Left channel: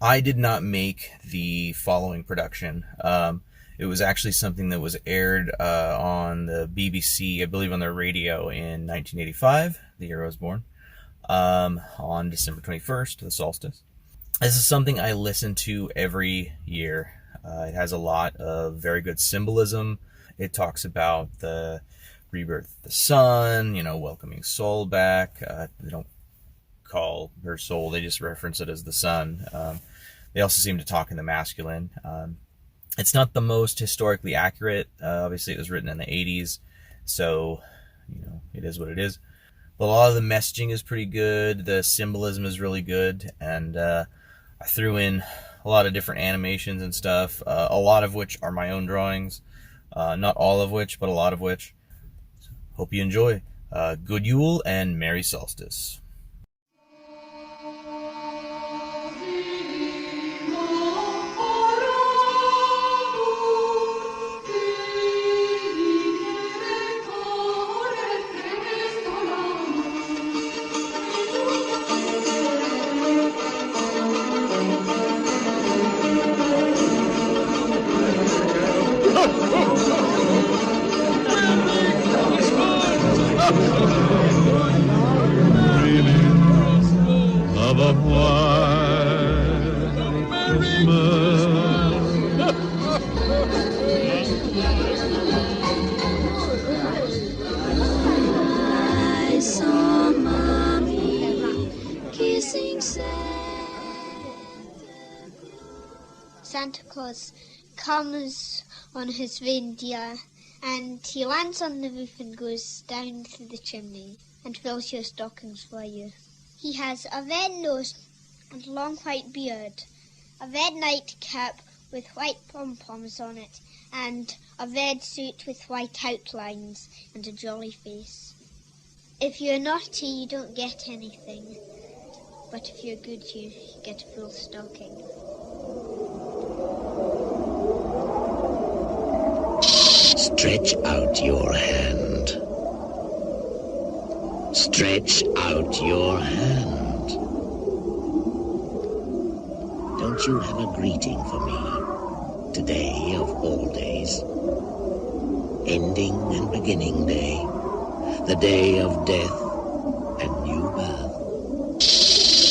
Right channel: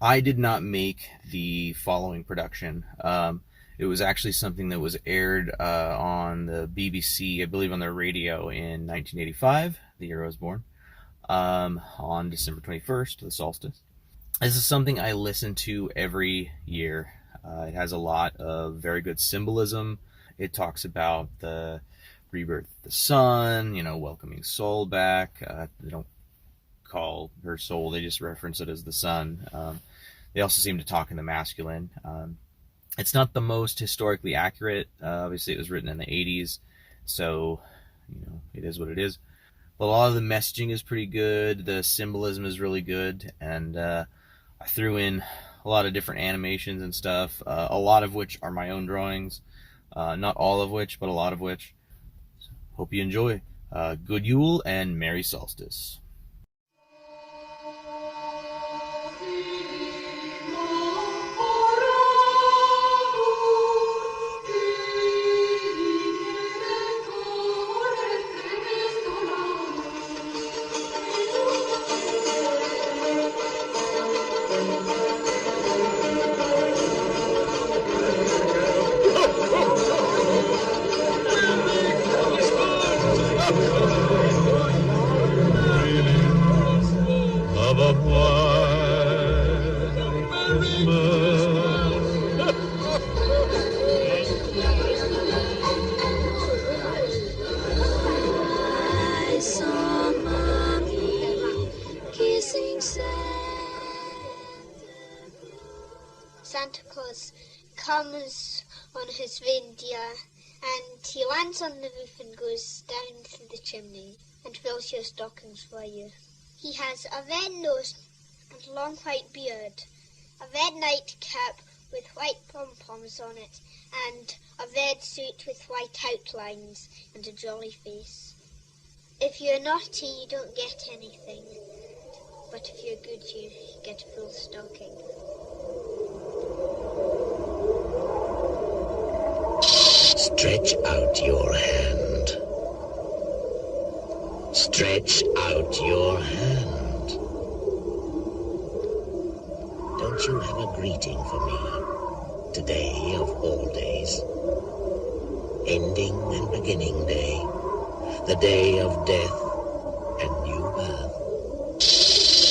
I did not make the following production. It was actually something that was aired on the BBC, I believe on their radio in 1985, the year I was born, on December 21st, the solstice. This is something I listen to every year. It has a lot of very good symbolism. It talks about the rebirth of the sun, welcoming soul back. They don't call her soul, they just reference it as the sun. They also seem to talk in the masculine. It's not the most historically accurate. Obviously, it was written in the 80s, so it is what it is. But a lot of the messaging is pretty good. The symbolism is really good, and I threw in a lot of different animations and stuff, a lot of which are my own drawings. Not all of which, but a lot of which. So, hope you enjoy. Good Yule and Merry Solstice. Santa Claus comes on his reindeer and he lands on the roof and goes down through the chimney and fills your stockings for you. He has a red nose and a long white beard, a red nightcap with white pom-poms on it, and a red suit with white outlines and a jolly face. If you're naughty, you don't get anything, but if you're good, you get a full stocking. Stretch out your hand. Stretch out your hand. Don't you have a greeting for me? Today of all days. Ending and beginning day. The day of death and new birth.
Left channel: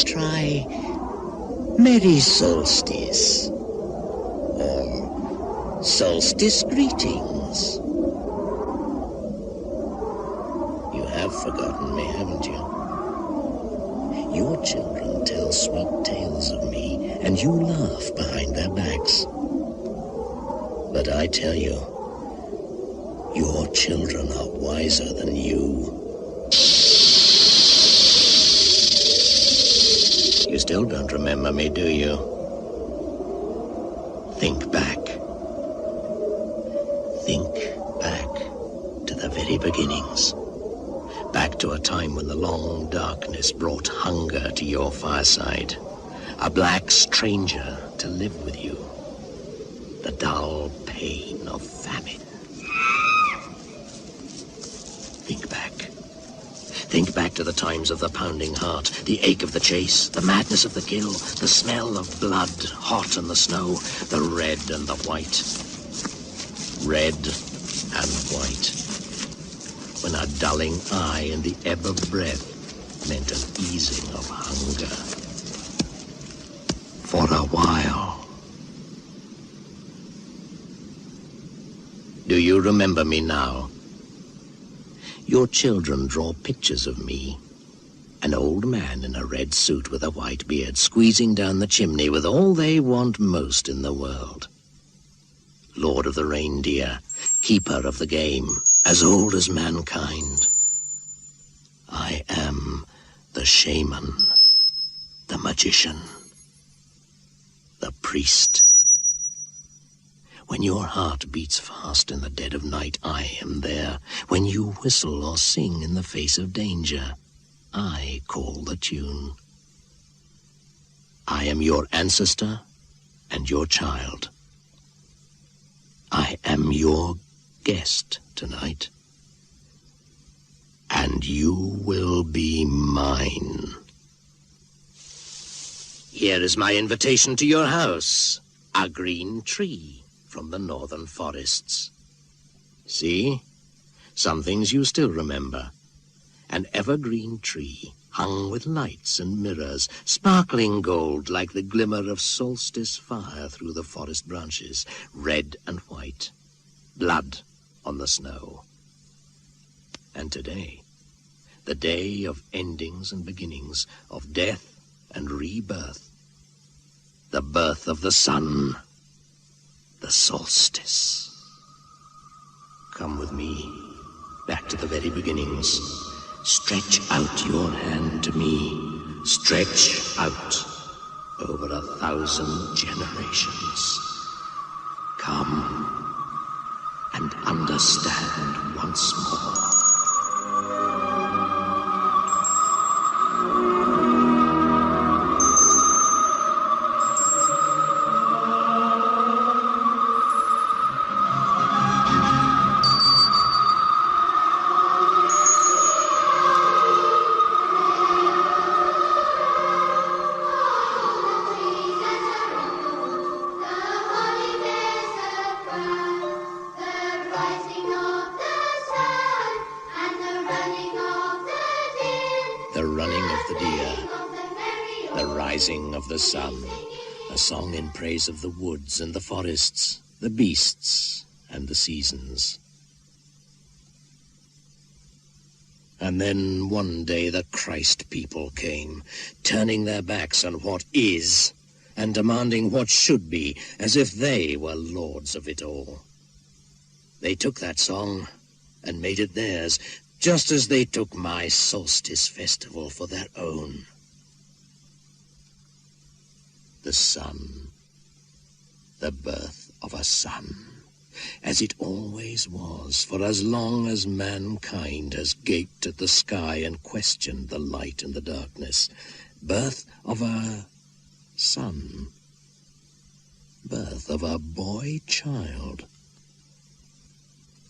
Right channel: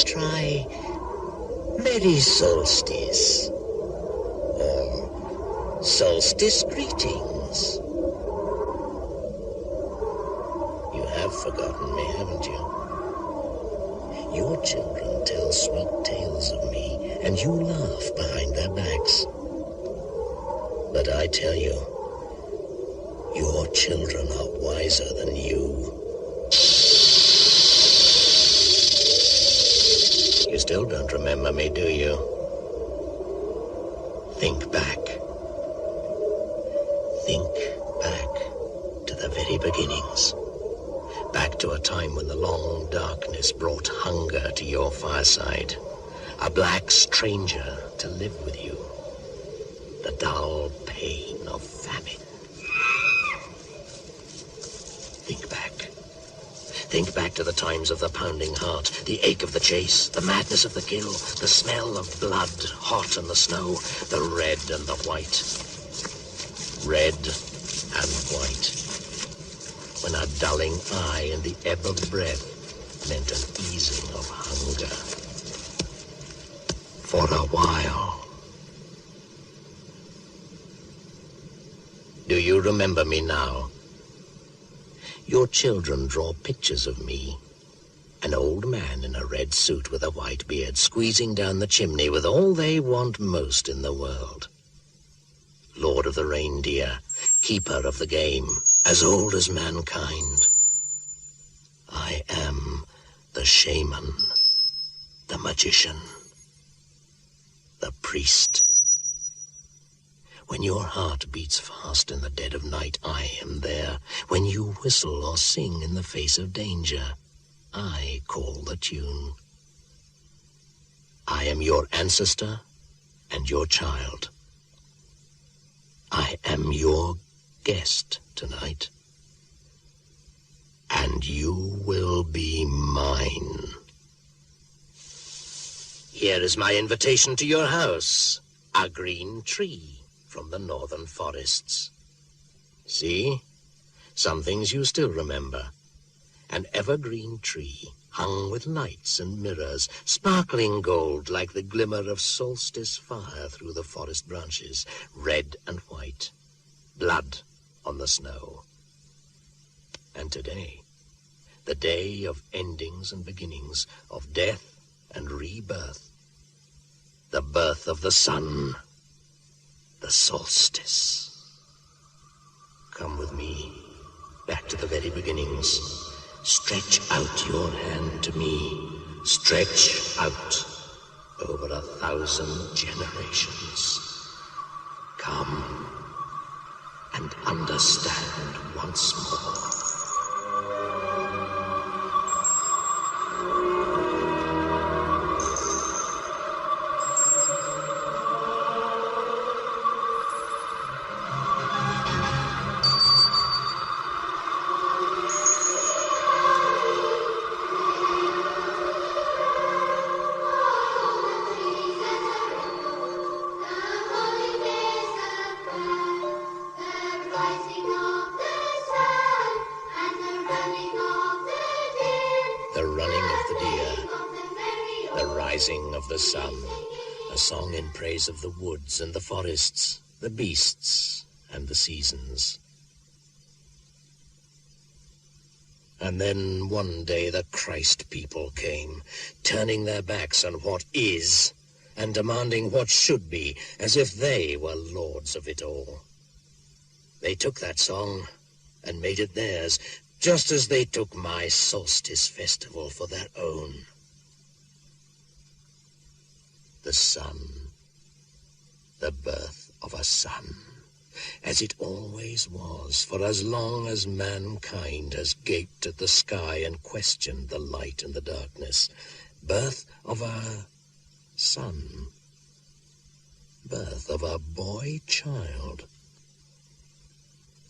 Try Merry Solstice. Or Solstice greetings. You have forgotten me, haven't you? Your children tell sweet tales of me, and you laugh behind their backs. But I tell you, your children are wiser than you. You still don't remember me, do you? Think back. Think back to the very beginnings. Back to a time when the long darkness brought hunger to your fireside. A black stranger to live with you. The dull pain of famine. Think back. Think back to the times of the pounding heart, the ache of the chase, the madness of the kill, the smell of blood hot on the snow, the red and the white. Red and white. When a dulling eye and the ebb of breath meant an easing of hunger. For a while. Do you remember me now? Your children draw pictures of me. An old man in a red suit with a white beard, squeezing down the chimney with all they want most in the world. Lord of the reindeer, keeper of the game, as old as mankind. I am the shaman, the magician, the priest. When your heart beats fast in the dead of night, I am there. When you whistle or sing in the face of danger, I call the tune. I am your ancestor and your child. I am your guest tonight. And you will be mine. Here is my invitation to your house. A green tree from the northern forests. See? Some things you still remember. An evergreen tree hung with lights and mirrors, sparkling gold like the glimmer of solstice fire through the forest branches, red and white, blood on the snow. And today, the day of endings and beginnings, of death and rebirth, the birth of the sun, the solstice. Come with me, back to the very beginnings. Stretch out your hand to me. Stretch out over 1,000 generations. Come and understand once more. Of the sun, a song in praise of the woods and the forests, the beasts and the seasons. And then one day the Christ people came, turning their backs on what is and demanding what should be, as if they were lords of it all. They took that song and made it theirs, just as they took my solstice festival for their own. The sun, the birth of a sun, as it always was for as long as mankind has gaped at the sky and questioned the light and the darkness. Birth of a son, birth of a boy-child.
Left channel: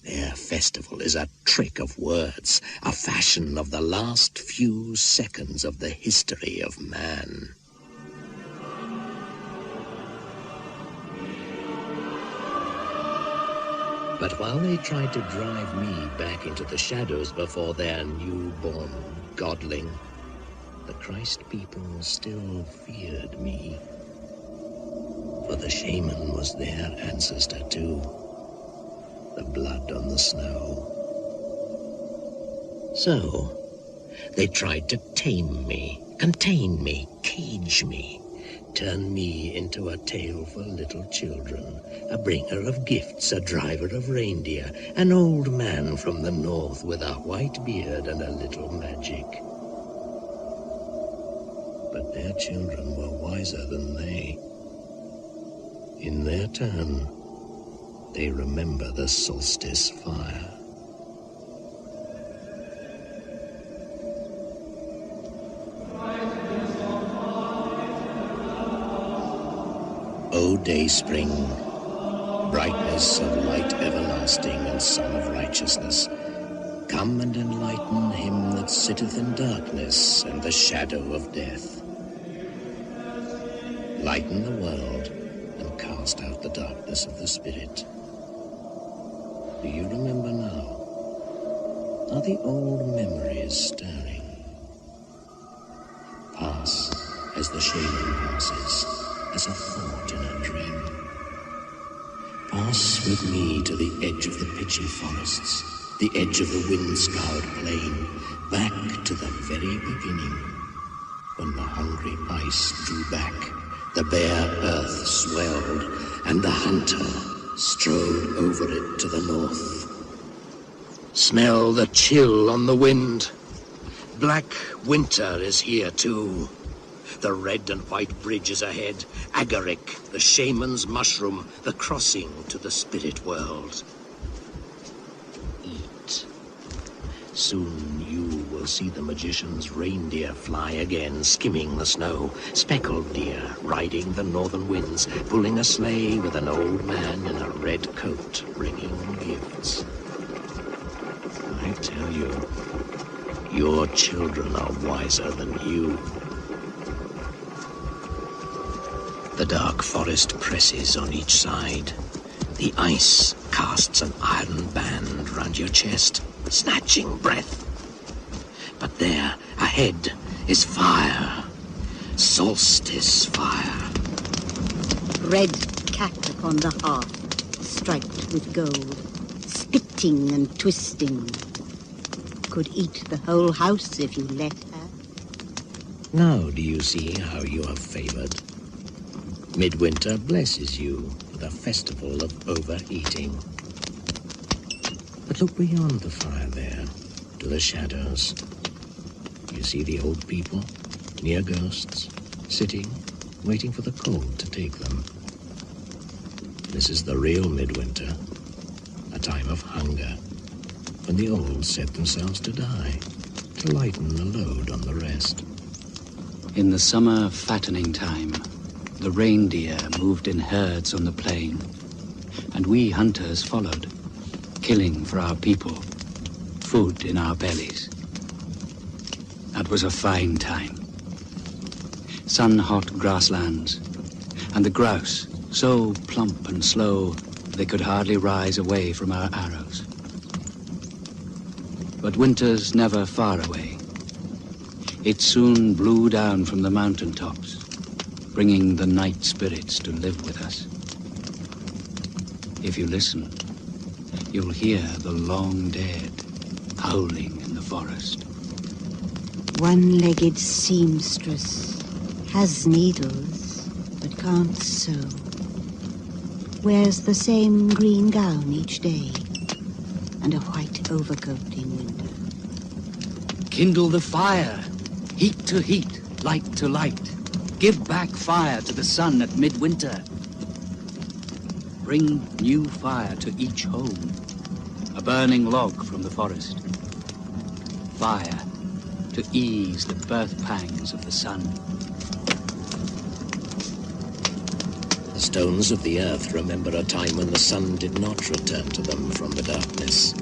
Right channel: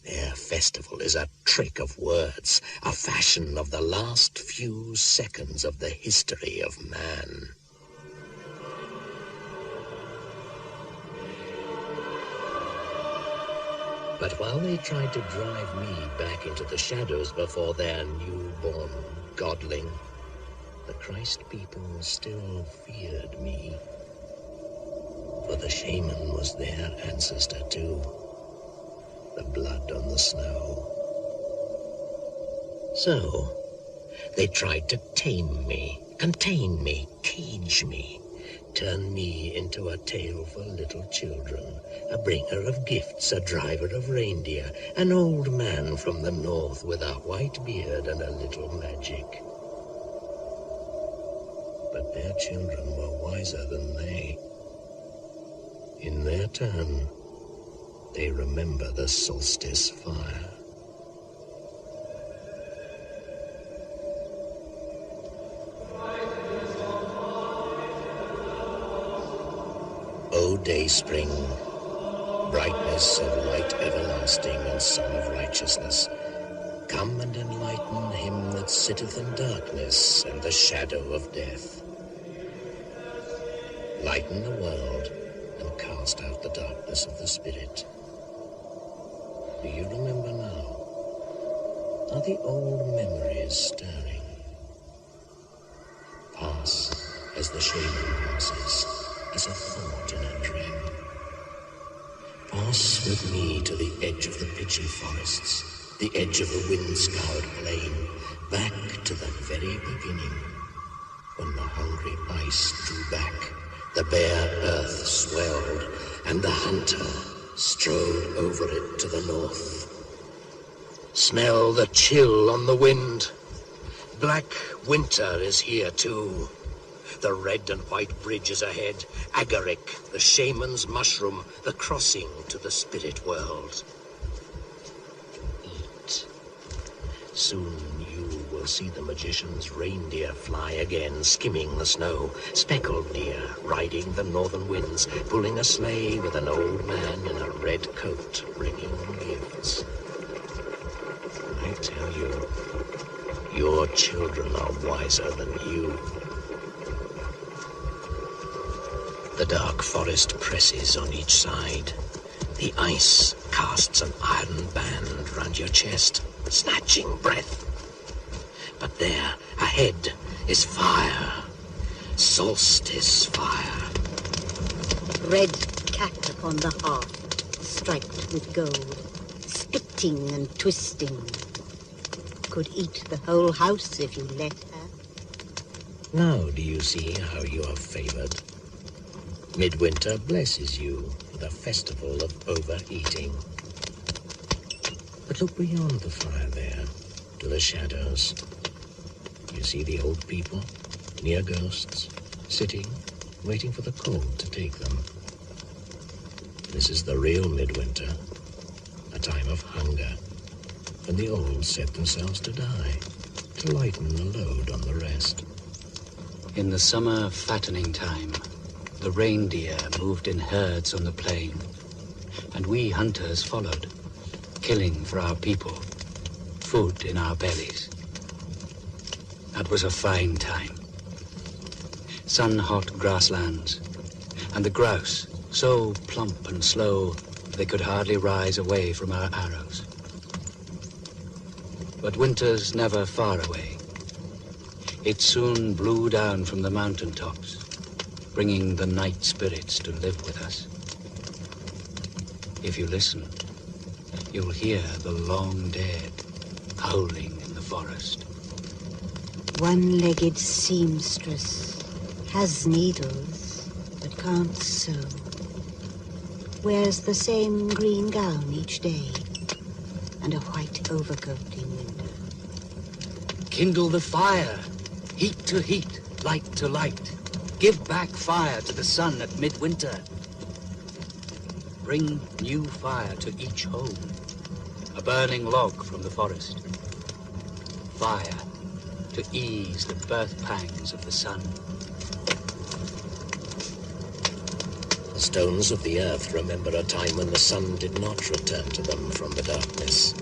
Their festival is a trick of words, a fashion of the last few seconds of the history of man. But while they tried to drive me back into the shadows before their newborn godling, the Christ people still feared me. For the shaman was their ancestor too, the blood on the snow. So, they tried to tame me, contain me, cage me, turn me into a tale for little children, a bringer of gifts, a driver of reindeer, an old man from the north with a white beard and a little magic. But their children were wiser than they. In their turn, they remember the solstice fire. O day spring, brightness and light everlasting and sun of righteousness, come and enlighten him that sitteth in darkness and the shadow of death. Lighten the world and cast out the darkness of the spirit. Do you remember now? Are the old memories stirring? Pass as the shadow passes, as a thought in a dream. Pass with me to the edge of the pitchy forests, the edge of the wind-scoured plain, back to the very beginning, when the hungry ice drew back, the bare earth swelled, and the hunter strode over it to the north. Smell the chill on the wind. Black winter is here too. The red and white bridge is ahead. Agaric, the shaman's mushroom, the crossing to the spirit world. Eat. Soon you will see the magician's reindeer fly again, skimming the snow. Speckled deer riding the northern winds, pulling a sleigh with an old man in a red coat, bringing gifts. I tell you, your children are wiser than you. The dark forest presses on each side. The ice casts an iron band round your chest, snatching breath. But there, ahead, is fire. Solstice fire. Red cat upon the hearth, striped with gold, spitting and twisting. Could eat the whole house if you let her. Now do you see how you are favored? Midwinter blesses you with a festival of overeating. But look beyond the fire there, to the shadows. You see the old people, near ghosts, sitting, waiting for the cold to take them. This is the real midwinter, a time of hunger, when the old set themselves to die, to lighten the load on the rest. In the summer fattening time, the reindeer moved in herds on the plain, and we hunters followed, killing for our people, food in our bellies. That was a fine time. Sun-hot grasslands, and the grouse, so plump and slow they could hardly rise away from our arrows. But winter's never far away. It soon blew down from the mountaintops, bringing the night spirits to live with us. If you listen, you'll hear the long dead howling in the forest. One-legged seamstress has needles but can't sew. Wears the same green gown each day and a white overcoat in winter. Kindle the fire, heat to heat, light to light. Give back fire to the sun at midwinter. Bring new fire to each home, a burning log from the forest. Fire to ease the birth pangs of the sun. The stones of the earth remember a time when the sun did not return to them from the darkness.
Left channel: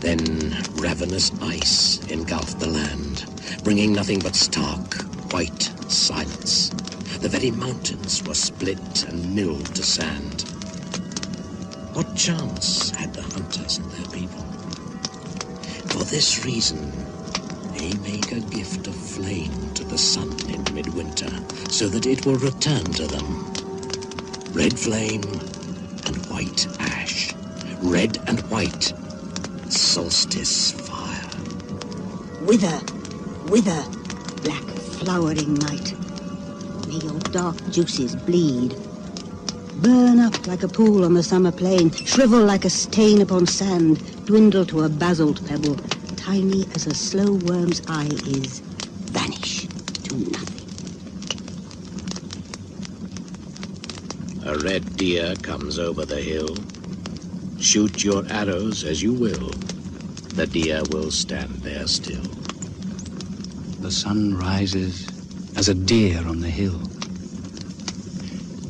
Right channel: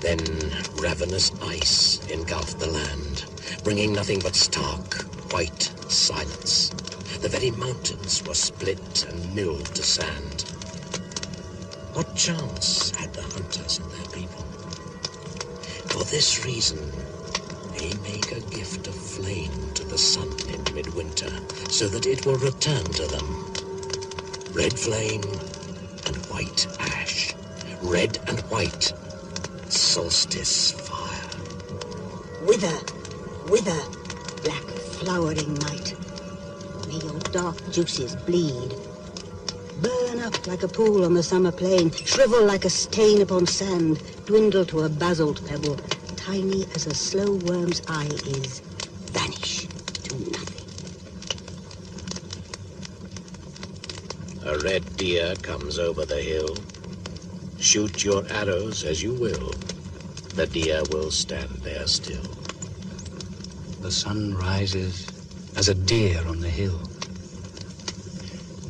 Then ravenous ice engulfed the land, bringing nothing but stark, white silence. The very mountains were split and milled to sand. What chance had the hunters and their people? For this reason, they make a gift of flame to the sun in midwinter, so that it will return to them. Red flame and white ash. Red and white. Solstice fire. Wither, wither, black flowering night. May your dark juices bleed. Burn up like a pool on the summer plain. Shrivel like a stain upon sand. Dwindle to a basalt pebble. Tiny as a slow worm's eye is. Vanish to nothing. A red deer comes over the hill. Shoot your arrows as you will. The deer will stand there still. The sun rises as a deer on the hill.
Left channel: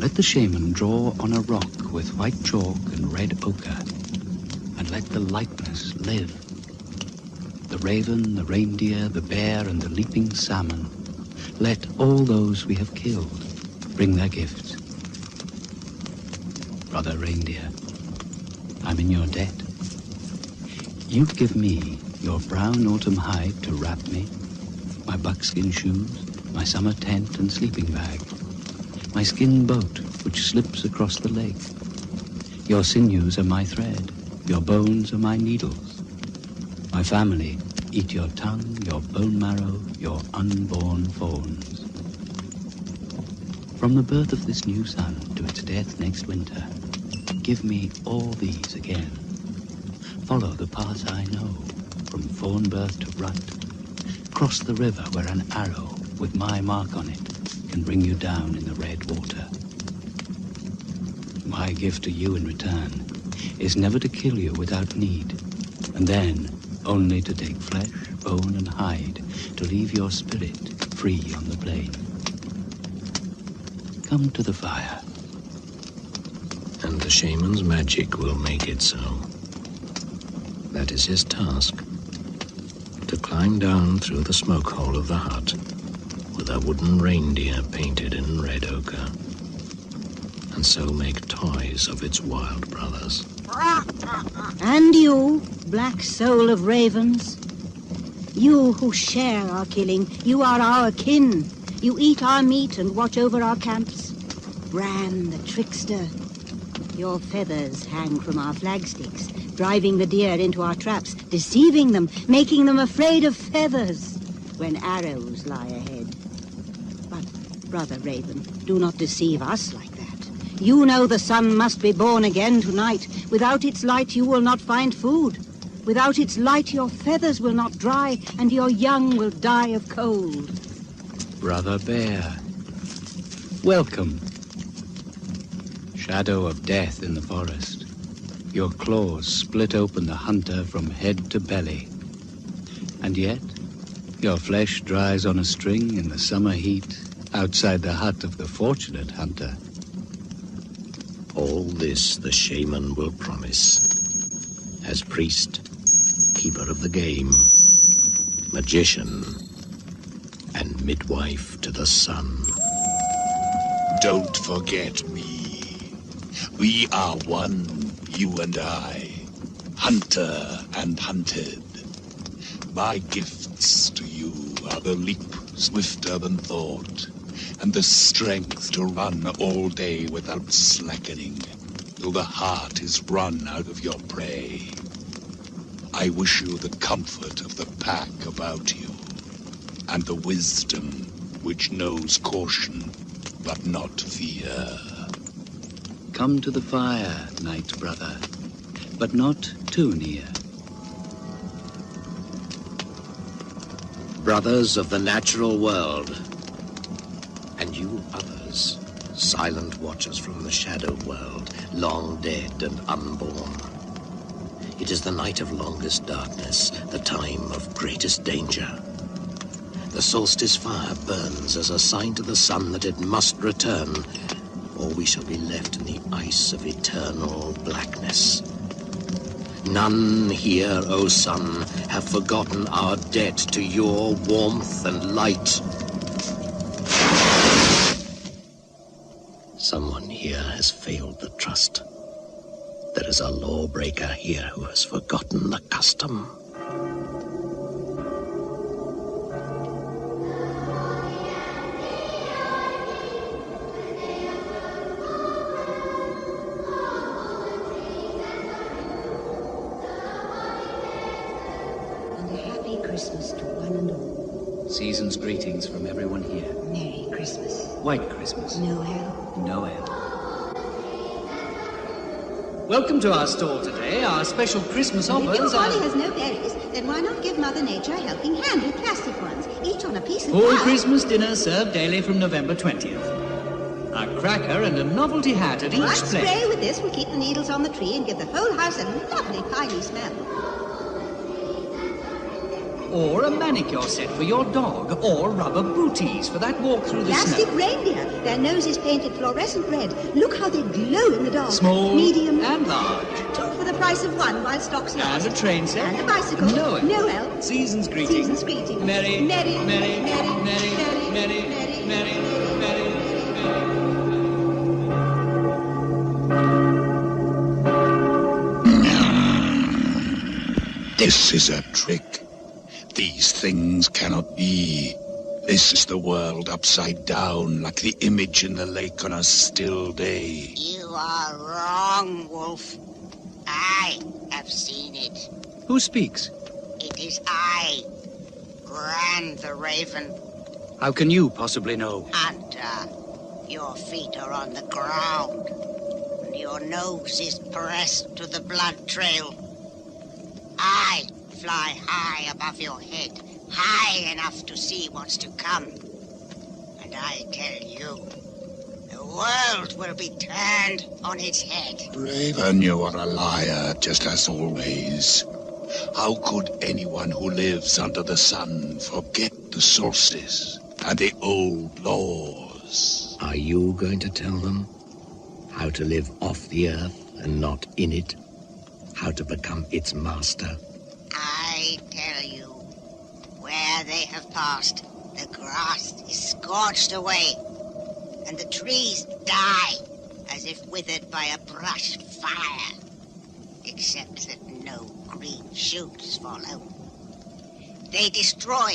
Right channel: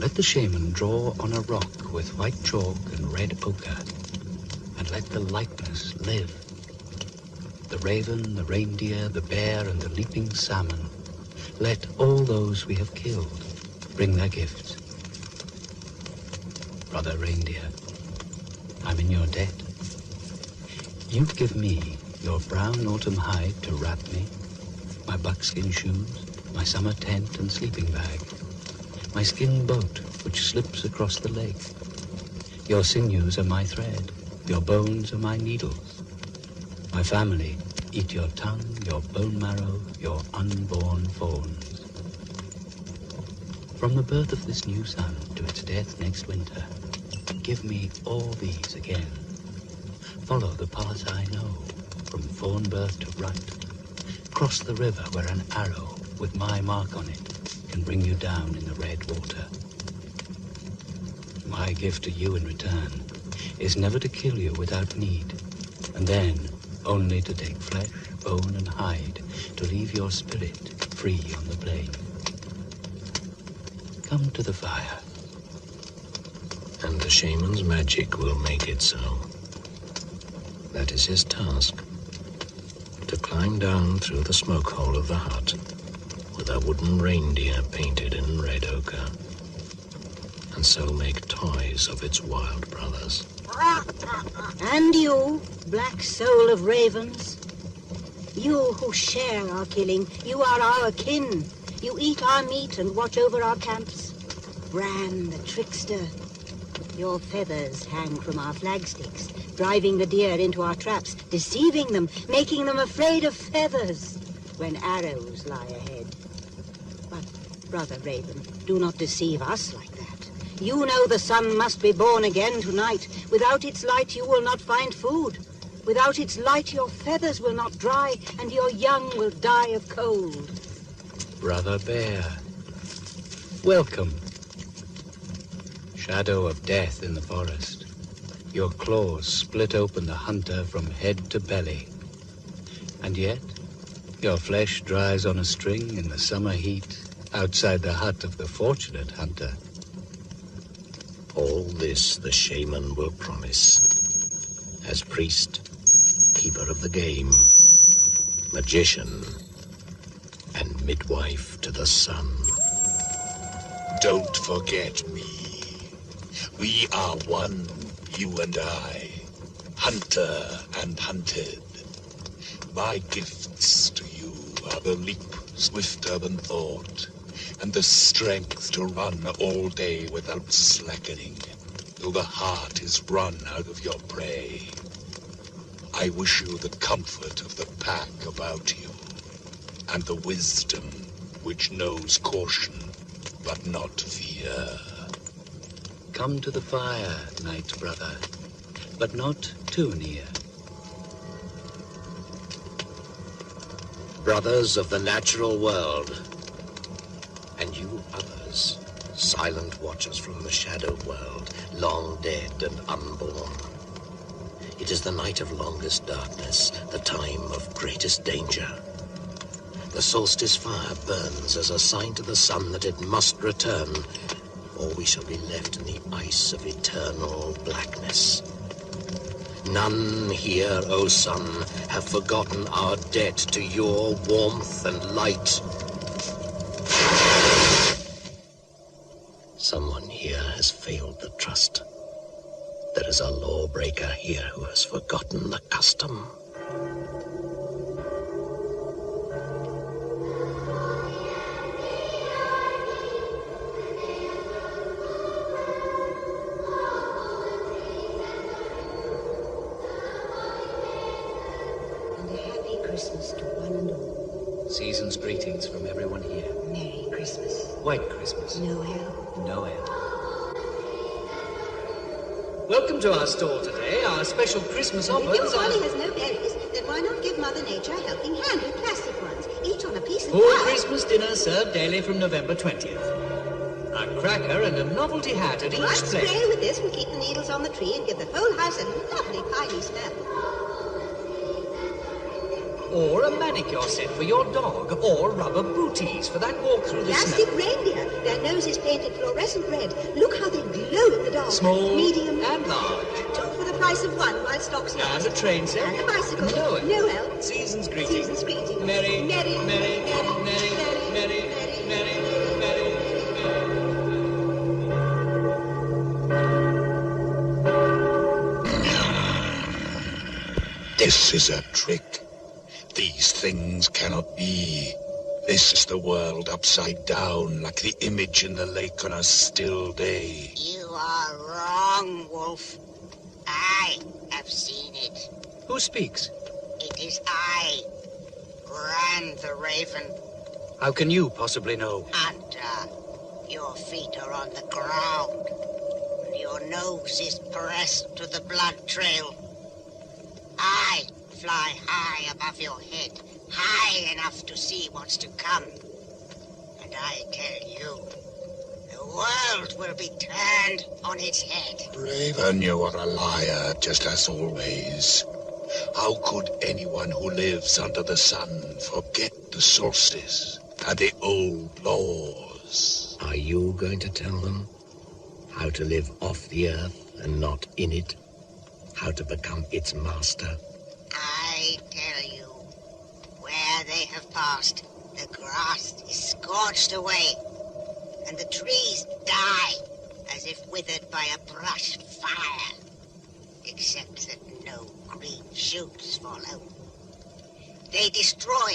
Let the shaman draw on a rock with white chalk and red ochre, and let the likeness live. The raven, the reindeer, the bear, and the leaping salmon, let all those we have killed bring their gifts. Brother reindeer, I'm in your debt. You give me your brown autumn hide to wrap me, my buckskin shoes, my summer tent and sleeping bag, my skin boat which slips across the lake. Your sinews are my thread, your bones are my needles. My family eat your tongue, your bone marrow, your unborn fawns. From the birth of this new sun to its death next winter, give me all these again. Follow the path I know, from fawn birth to rut. Cross the river where an arrow with my mark on it can bring you down in the red water. My gift to you in return is never to kill you without need, and then only to take flesh, bone, and hide to leave your spirit free on the plain. Come to the fire. And the shaman's magic will make it so. That is his task. To climb down through the smoke hole of the hut with a wooden reindeer painted in red ochre. and so make toys of its wild brothers. And you, black soul of ravens, you who share our killing, you are our kin. You eat our meat and watch over our camps. Bran, the trickster, your feathers hang from our flagsticks, driving the deer into our traps, deceiving them, making them afraid of feathers when arrows lie ahead. But, Brother Raven, do not deceive us like that. You know the sun must be born again tonight. Without its light, you will not find food. Without its light, your feathers will not dry, and your young will die of cold. Brother Bear, welcome. Shadow of death in the forest. Your claws split open the hunter from head to belly. And yet, your flesh dries on a string in the summer heat outside the hut of the fortunate hunter. All this the shaman will promise. As priest, keeper of the game, magician, and midwife to the sun. Don't forget me. We are one, you and I, hunter and hunted. My gifts to you are the leap swifter than thought, and the strength to run all day without slackening, till the heart is run out of your prey. I wish you the comfort of the pack about you, and the wisdom which knows caution, but not fear. Come to the fire, night brother, but not too near. Brothers of the natural world, and you others, silent watchers from the shadow world, long dead and unborn. It is the night of longest darkness, the time of greatest danger. The solstice fire burns as a sign to the sun that it must return, or we shall be left in the ice of eternal blackness. None here, O sun, have forgotten our debt to your warmth and light. Someone here has failed the trust. There is a lawbreaker here who has forgotten the custom. And a happy Christmas to one and all. Season's greetings from everyone here. Merry Christmas. White Christmas. Noel. Noel. Welcome to our store today. Our special Christmas offers If your are... holly has no berries, then why not give Mother Nature a helping hand with plastic ones, each on a piece of Full pie? Christmas dinner served daily from November 20th. A cracker and a novelty hat at each One plate. spray with this will keep the needles on the tree and give the whole house a lovely piney smell. Or a manicure set for your dog. Or rubber booties for that walk through the Plastic snow. reindeer, their noses painted fluorescent red. Look how they glow in the dark. Small medium, and large. two for the price of one while stocks last. And a train set. And a bicycle. Noel. Noel. Season's greetings. Season's greetings. Merry, Merry, merry, merry, merry, merry, merry, merry, merry, merry. This is a trick. These things cannot be. This is the world upside down, like the image in the lake on a still day. You are wrong, Wolf. I have seen it. Who speaks? It is I, Gran the Raven. How can you possibly know? Hunter, your feet are on the ground, and your nose is pressed to the blood trail. I fly high above your head, high enough to see what's to come. And I tell you, the world will be turned on its head. Raven, you are a liar, just as always. How could anyone who lives under the sun forget the solstice and the old laws? Are you going to tell them how to live off the earth and not in it? How to become its master? I tell you, where they have passed, the grass is scorched away, and the trees die as if by a brush fire, except that no green shoots follow. They destroy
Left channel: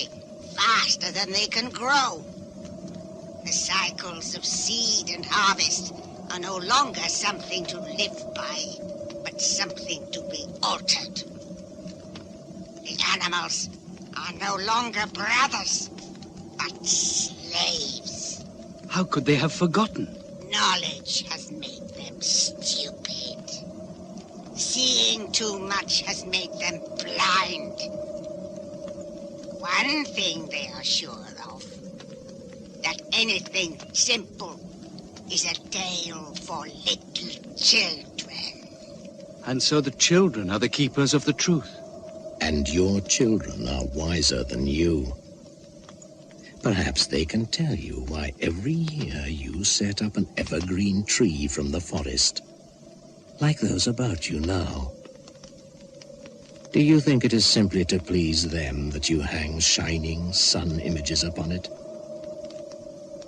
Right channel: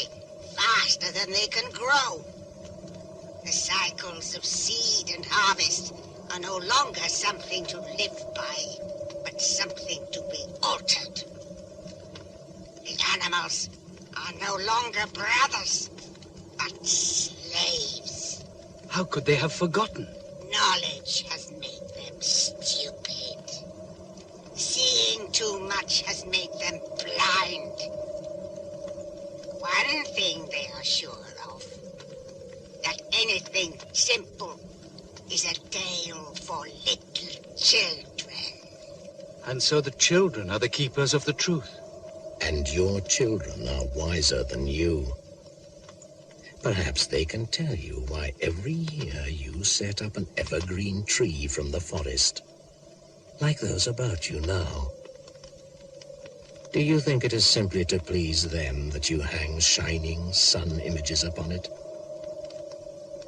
faster than they can grow. The cycles of seed and harvest are no longer something to live by, but something to be altered. The animals are no longer brothers, but slaves. How could they have forgotten? Knowledge has made them stupid. Seeing too much has made them blind. One thing they are sure of, that anything simple is a tale for little children. And so the children are the keepers of the truth. And your children are wiser than you. Perhaps they can tell you why every year you set up an evergreen tree from the forest, like those about you now. Do you think it is simply to please them that you hang shining sun images upon it?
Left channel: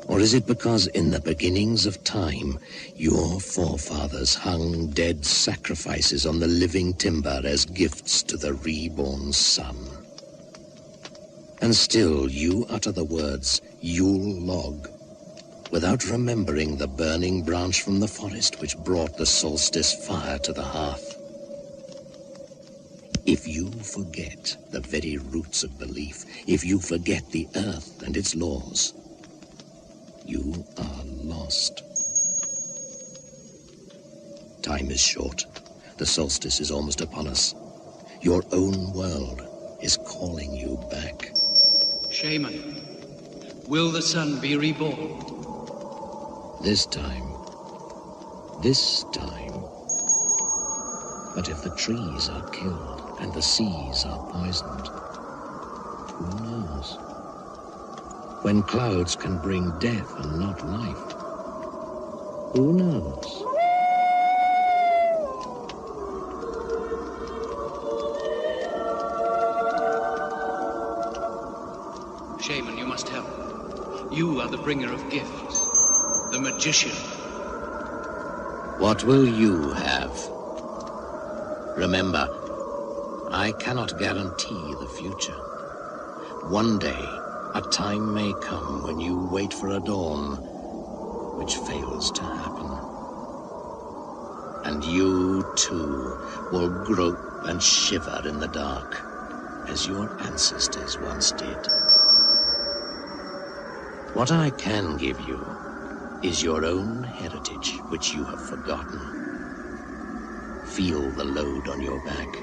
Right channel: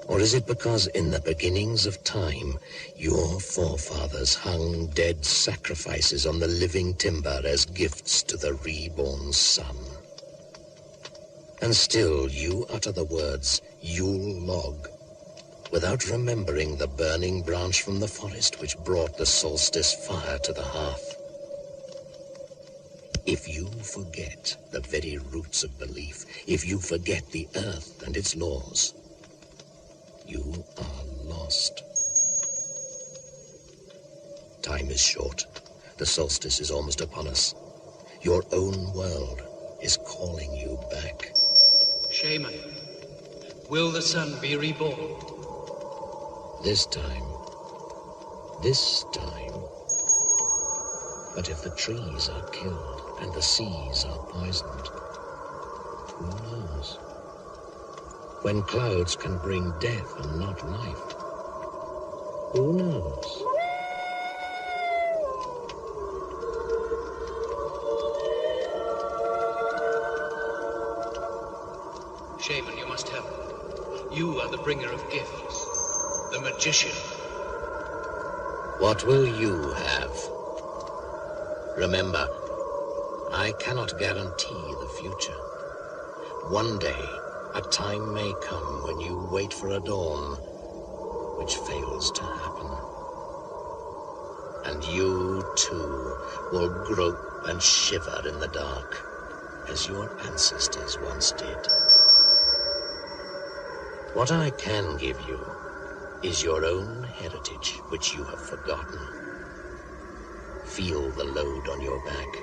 Or is it because in the beginnings of time, your forefathers hung dead sacrifices on the living timber as gifts to the reborn sun? And still you utter the words, Yule log, without remembering the burning branch from the forest which brought the solstice fire to the hearth. If you forget the very roots of belief, if you forget the earth and its laws, you are lost. Time is short. The solstice is almost upon us. Your own world is calling you back. Shaman, will the sun be reborn? This time. But if the trees are killed and the seas are poisoned, who knows? When clouds can bring death and not life, who knows? Shaman, you must help. You are the bringer of gifts, the magician. What will you have? Remember, I cannot guarantee the future. One day, a time may come when you wait for a dawn which fails to happen. And you, too, will grope and shiver in the dark, as your ancestors once did. What I can give you is your own heritage, which you have forgotten. Feel the load on your back.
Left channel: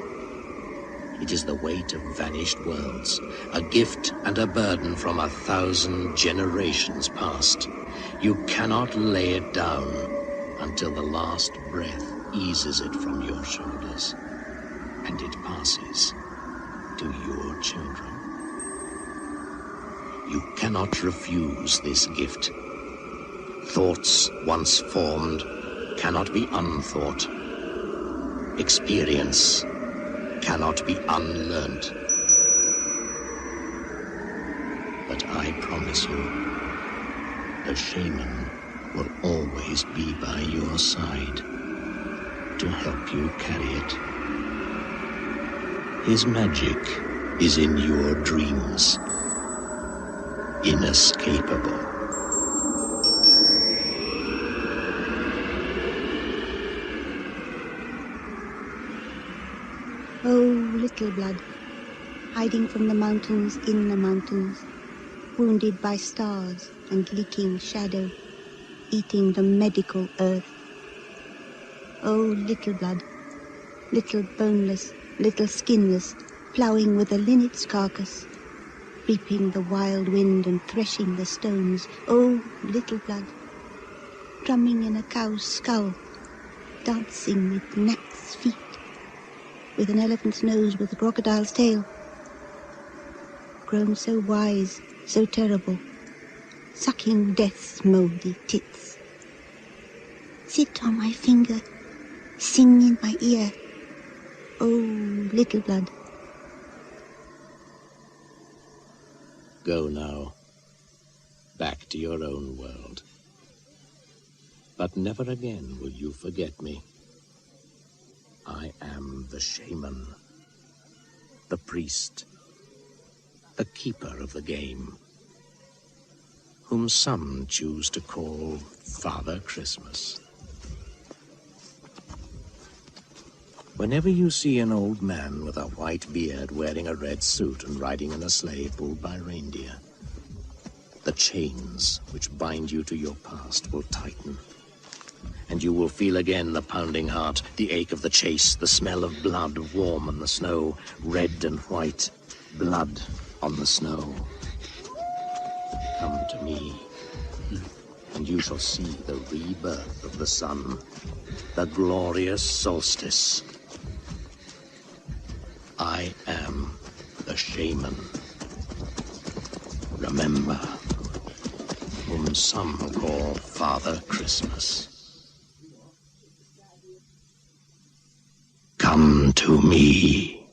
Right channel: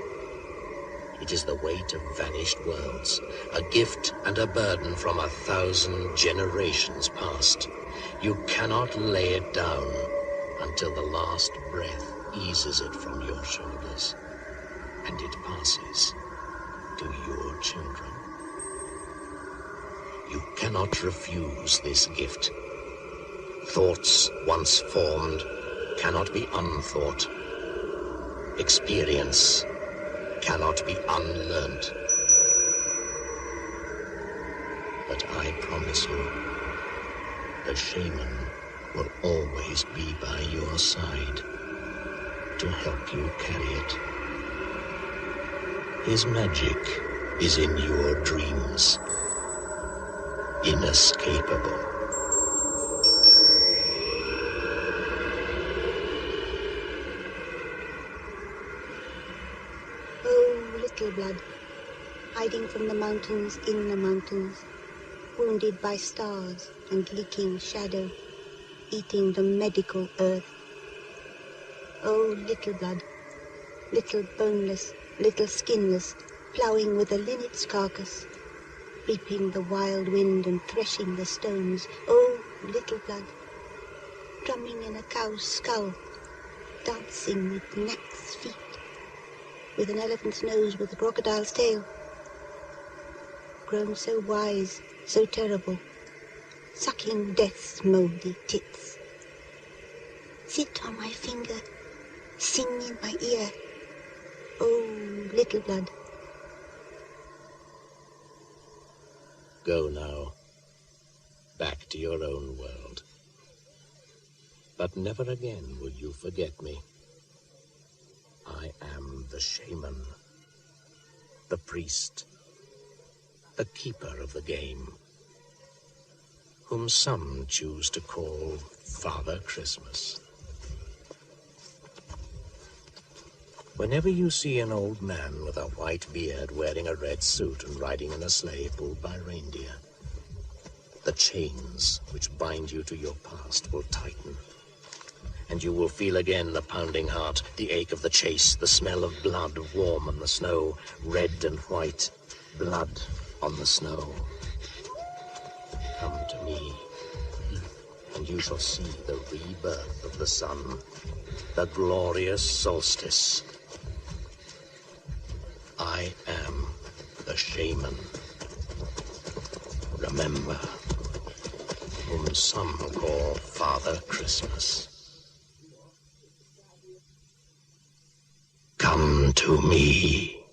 It is the weight of vanished worlds, a gift and a burden from 1,000 generations past. You cannot lay it down until the last breath eases it from your shoulders, and it passes to your children. You cannot refuse this gift. Thoughts once formed cannot be unthought. Experience cannot be unlearnt. But I promise you, the shaman will always be by your side to help you carry it. His magic is in your dreams, inescapable. Oh, little blood, hiding from the mountains in the mountains, wounded by stars and leaking shadow, eating the medical earth. Oh, little blood, little boneless, little skinless, ploughing with a linnet's carcass, reaping the wild wind and threshing the stones. Oh, little blood, drumming in a cow's skull, dancing with gnat's feet, with an elephant's nose, with a crocodile's tail. Grown so wise, so terrible, sucking death's mouldy tits. Sit on my finger, sing in my ear. Oh, little blood. Go now, back to your own world. but never again will you forget me. I am the shaman, the priest, the keeper of the game, whom some choose to call Father Christmas. Whenever you see an old man with a white beard wearing a red suit and riding in a sleigh pulled by reindeer, the chains which bind you to your past will tighten, and you will feel again the pounding heart, the ache of the chase, the smell of blood warm on the snow, red and white, blood on the snow. Come to me, and you shall see the rebirth of the sun, the glorious solstice. I am the shaman. Remember, whom some call Father Christmas. Come to me.